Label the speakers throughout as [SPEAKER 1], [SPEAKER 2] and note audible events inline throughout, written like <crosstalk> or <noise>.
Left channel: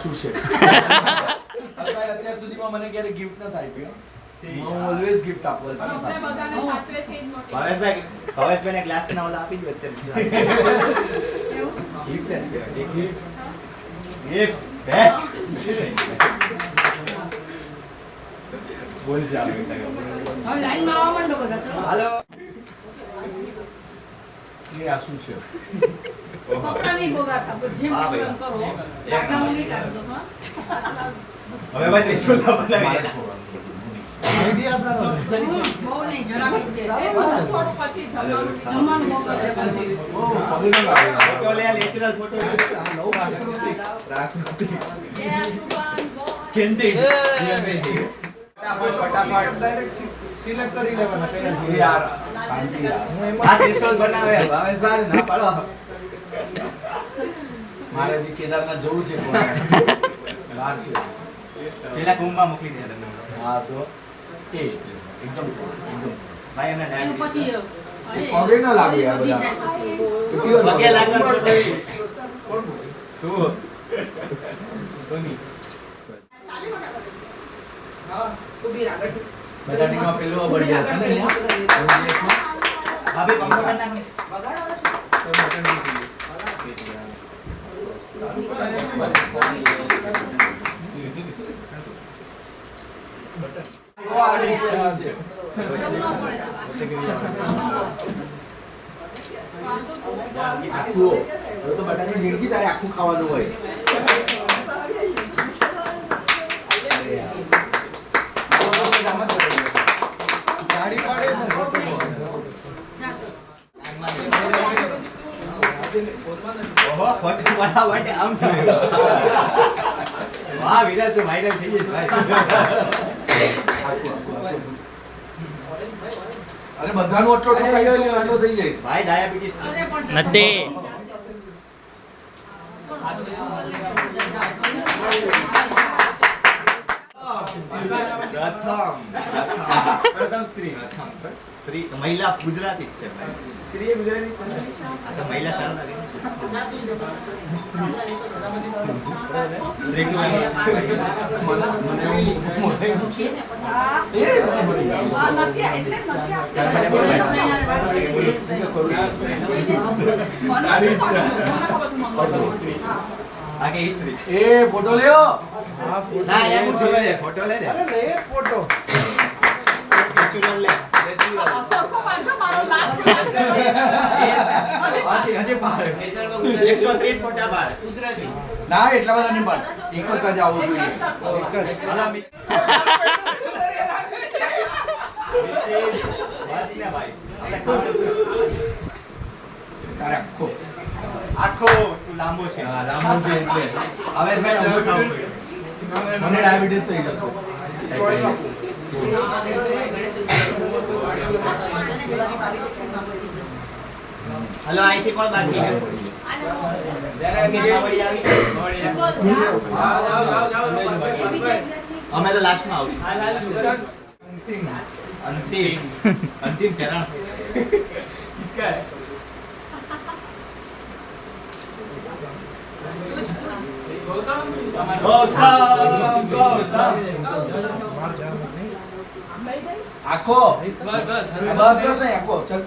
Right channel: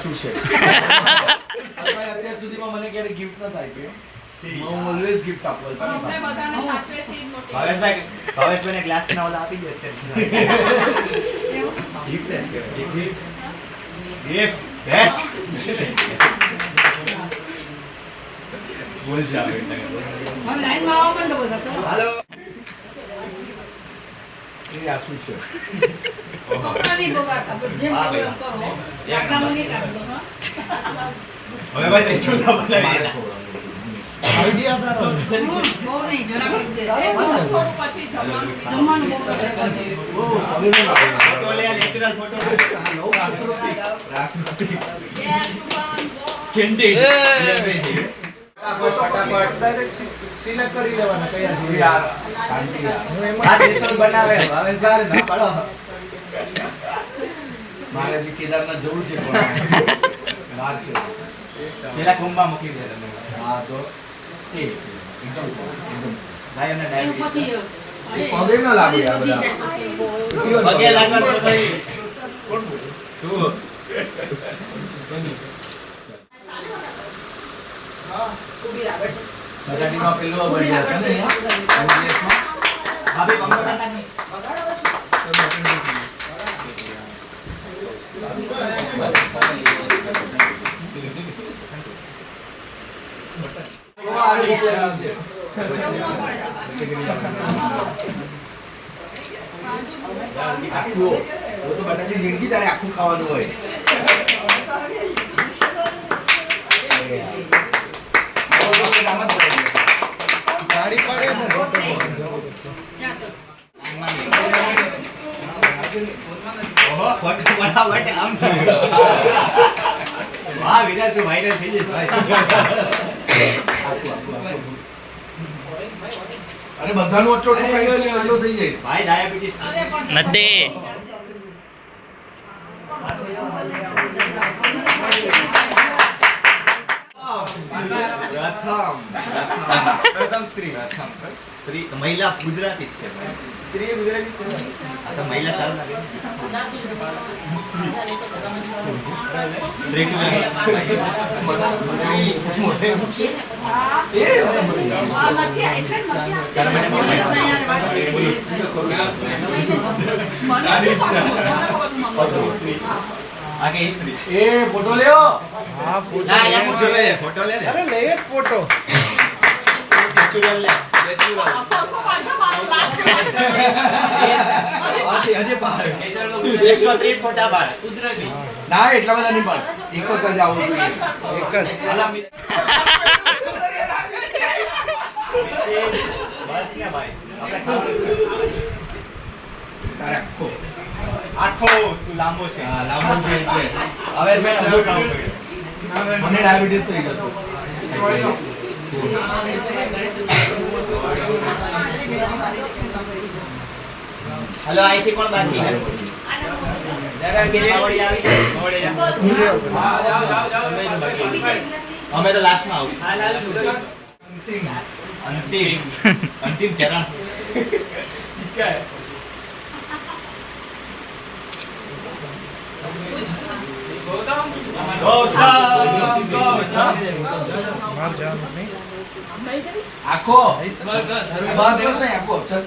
[SPEAKER 1] શું છે? અત્યાર સુધીમાં મને ક્યારે ગિફ્ટ ન થાય કે હું ઓલવેઝ ગિફ્ટ આપું.
[SPEAKER 2] ભાવેશભાઈ ભાવેશભાઈને ગ્લાસ ના ઓલા આપી દો અત્યારે ગિફ્ટ ગિફ્ટ બેટ. બોલ જાવ હાલો
[SPEAKER 1] એ આ શું છે
[SPEAKER 3] કપડાં નહીં બગાડતા, બધું જેમ
[SPEAKER 2] હા,
[SPEAKER 3] કરો એમ
[SPEAKER 2] ભાઈ.
[SPEAKER 3] કરો.
[SPEAKER 2] એમ.
[SPEAKER 3] કાકાનું નહીં કાઢવું, હા?
[SPEAKER 2] હવે ભાઈ
[SPEAKER 3] છે.
[SPEAKER 2] આ
[SPEAKER 4] જો.
[SPEAKER 2] કેન્ડી
[SPEAKER 1] મારે હજી કેદારનાથ જવું છે
[SPEAKER 2] પેલા કુંભમાં મૂકી દે તમે
[SPEAKER 1] હા તો એ એકદમ એકદમ
[SPEAKER 2] ભાઈ એમને
[SPEAKER 3] પછી
[SPEAKER 1] પગે ન લાગે બધા.
[SPEAKER 2] તું.
[SPEAKER 1] બટાટીમાં પેલો બર્થડે હશે ને એમાં? MGS માં?
[SPEAKER 2] ભાભી પંખો બંધ નાખો.
[SPEAKER 3] બગાડો પછી.
[SPEAKER 1] જોવા આવી ઈચ્છા છે.
[SPEAKER 3] એવું ન પડે તમારે.
[SPEAKER 1] આખું તો બટાટી જિંદગી તારે આખું ખાવાનું હોય
[SPEAKER 2] viral થઈ
[SPEAKER 1] આખું. અરે બધાનું અટલો લે વાંધો થઈ જઈશ
[SPEAKER 2] ભાઈ ડાયાબિટીસ
[SPEAKER 5] નથી.
[SPEAKER 2] પ્રથમ પ્રથમ સ્ત્રી સ્ત્રી મહિલા ગુજરાતી જ છે સ્ત્રી ગુજરાતી આ તો મહિલા સારું લાગે સ્ત્રી ટુ
[SPEAKER 1] મને- મને એમ છે. એ
[SPEAKER 2] ફોટો સ્ત્રી
[SPEAKER 1] એ ફોટો
[SPEAKER 2] ના એમ જોવે લે ફોટો લે અરે લે ફોટો. નેચરલ લે.
[SPEAKER 4] આ સરખો પાડજો, મારો last <laughs> last.
[SPEAKER 2] હજી હજી પાર 130 ફોટા પાર
[SPEAKER 1] ના એટલા બધા નહીં પણ એક જ આવું જોઈએ.
[SPEAKER 4] એક જ <laughs>
[SPEAKER 2] બસ ને ભાઈ.
[SPEAKER 1] આખો.
[SPEAKER 2] આખો. લાંબો છે.
[SPEAKER 1] હા લાંબો છે એટલે.
[SPEAKER 2] હવે મેં લાંબો ખાવું પડ્યું
[SPEAKER 1] મને ડાયાબિટીસ થઈ જશે
[SPEAKER 2] હલો અહીંથી કોણ બાકી અમે તો લાસ્ટમાં આવશું. અંતિમ. અંતિમ ચરણ. <laughs>
[SPEAKER 1] આખો? બસ બસ નહીં આખો. ચલ.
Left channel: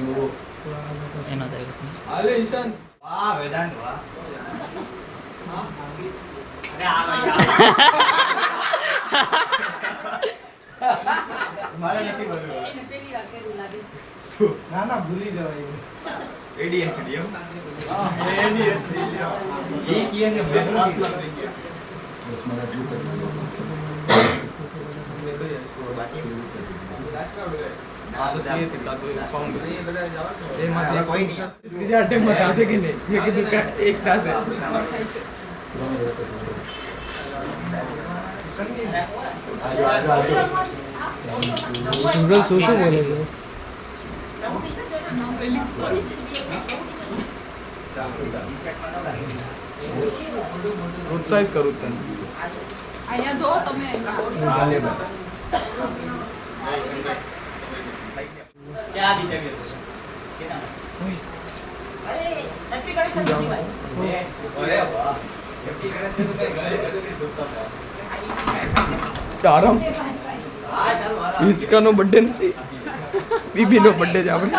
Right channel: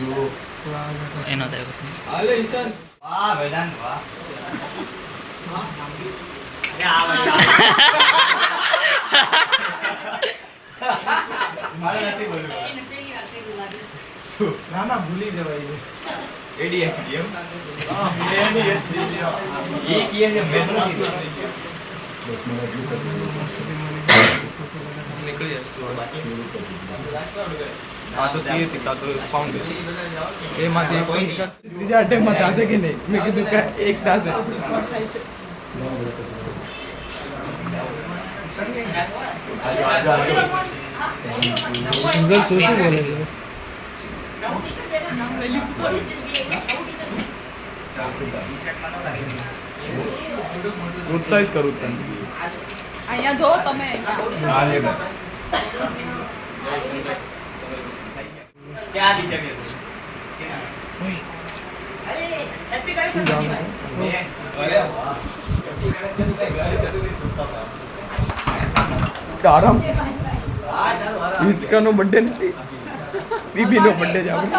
[SPEAKER 1] જો.
[SPEAKER 5] એનો તો
[SPEAKER 2] વાહ વેદાંત વાહ. <laughs> મારે નથી બોલવું.
[SPEAKER 6] ના ભૂલી જવાય
[SPEAKER 2] એડીએચડી એમ એ કહે છે મેં નથી
[SPEAKER 1] બસ મને હજુ કરી દો.
[SPEAKER 6] આ તો સી હતી કાં તો ફાઉન્ડેશન એમાંથી
[SPEAKER 2] કોઈ નહીં.
[SPEAKER 6] ત્રીજા અટેમ્પમાં થશે કે નહીં મેં કીધું કે એક થશે
[SPEAKER 1] આજો આજો આજો
[SPEAKER 6] સિમરન શું શું બોલે છે પ્રોત્સાહિત કરું છું. તમને
[SPEAKER 4] અહીંયા જો તમે.
[SPEAKER 1] હા લે ભાઈ.
[SPEAKER 2] ક્યાં બીજા અરે વાહ.
[SPEAKER 6] આરામ. હિંચકાનો બર્થડે નથી. <laughs> દીદીનો બર્થડે જ આપણે.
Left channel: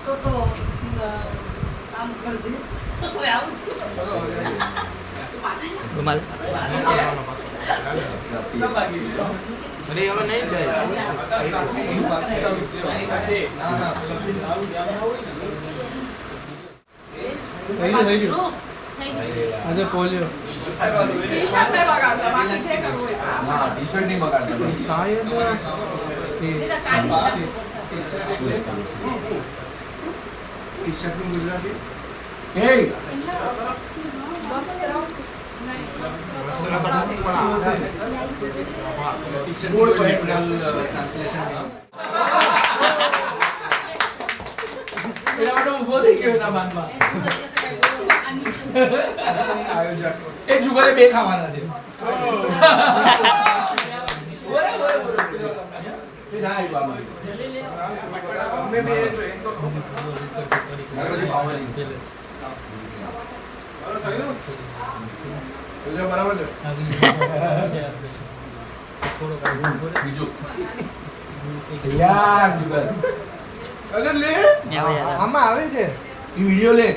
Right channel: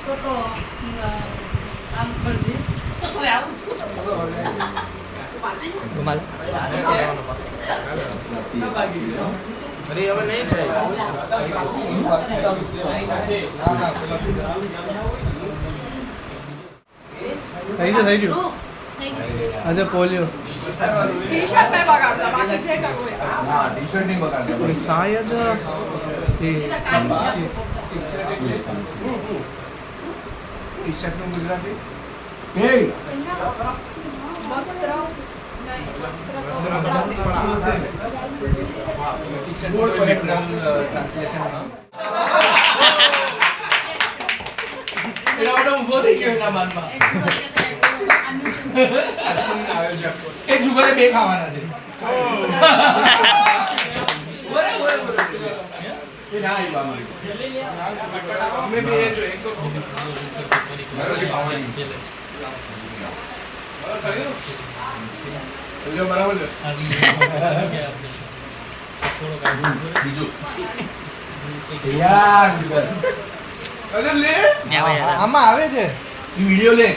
[SPEAKER 3] તો તો અ, આમ કરજે હવે આવું છું
[SPEAKER 6] રૂમાલ
[SPEAKER 1] અરે હવે નહીં જાય
[SPEAKER 6] થઈ ગયું થઈ ગયું આજે પોલિયો
[SPEAKER 4] ટી શર્ટ ને લગાડતો બાકી છે કરવું એ કામ.
[SPEAKER 1] ના ટી શર્ટ નહીં બગાડતા.
[SPEAKER 6] શાયદ
[SPEAKER 1] એ બોર્ડ પર ટ્રાન્સલેશન બે ખાવાના છે. બરાબર
[SPEAKER 6] આમાં આવે છે
[SPEAKER 1] વીડિયો વિડિયો લે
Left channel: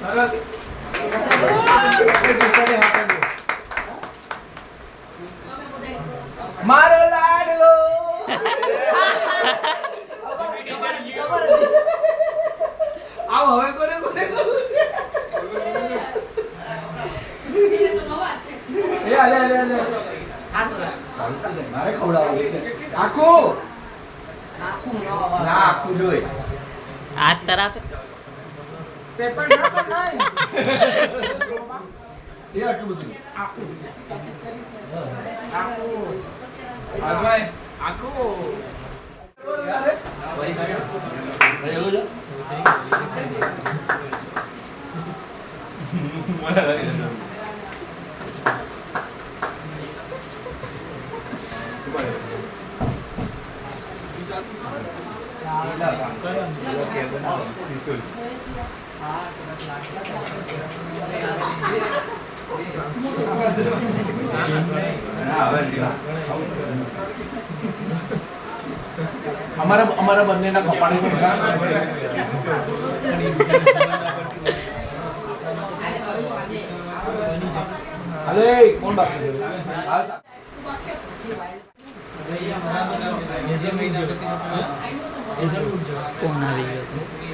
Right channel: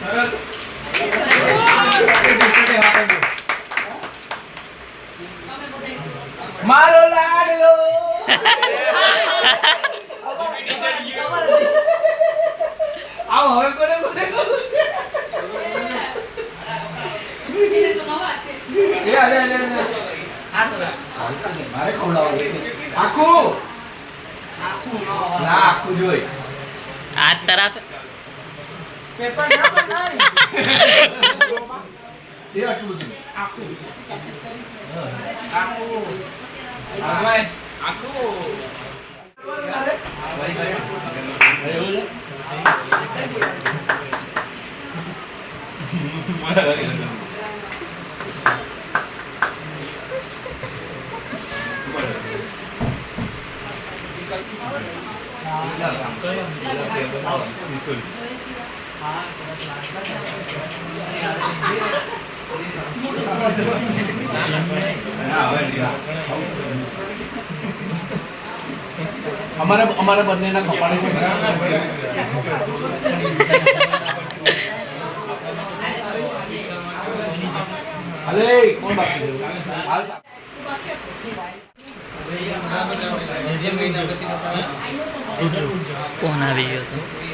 [SPEAKER 1] સરસ. મારો લાડલો આવો, હવે કોને કોને કરું છે? એ અલે અલે અલે મારે ખવડાવવું આખું? ના, આખું જોઈ.
[SPEAKER 5] આ તરફ
[SPEAKER 4] પેપર ના બતાય.
[SPEAKER 1] એ આટલું બધું
[SPEAKER 4] આખું.
[SPEAKER 1] આગવાય
[SPEAKER 2] ના, હવે નહીં.
[SPEAKER 1] અમારા અમારા બંનેના કપાળે અરે કોણ બાકી
[SPEAKER 5] કોણ આવી ગયો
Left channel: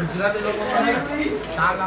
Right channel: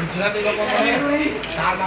[SPEAKER 6] ગુજરાતી લોકો શાક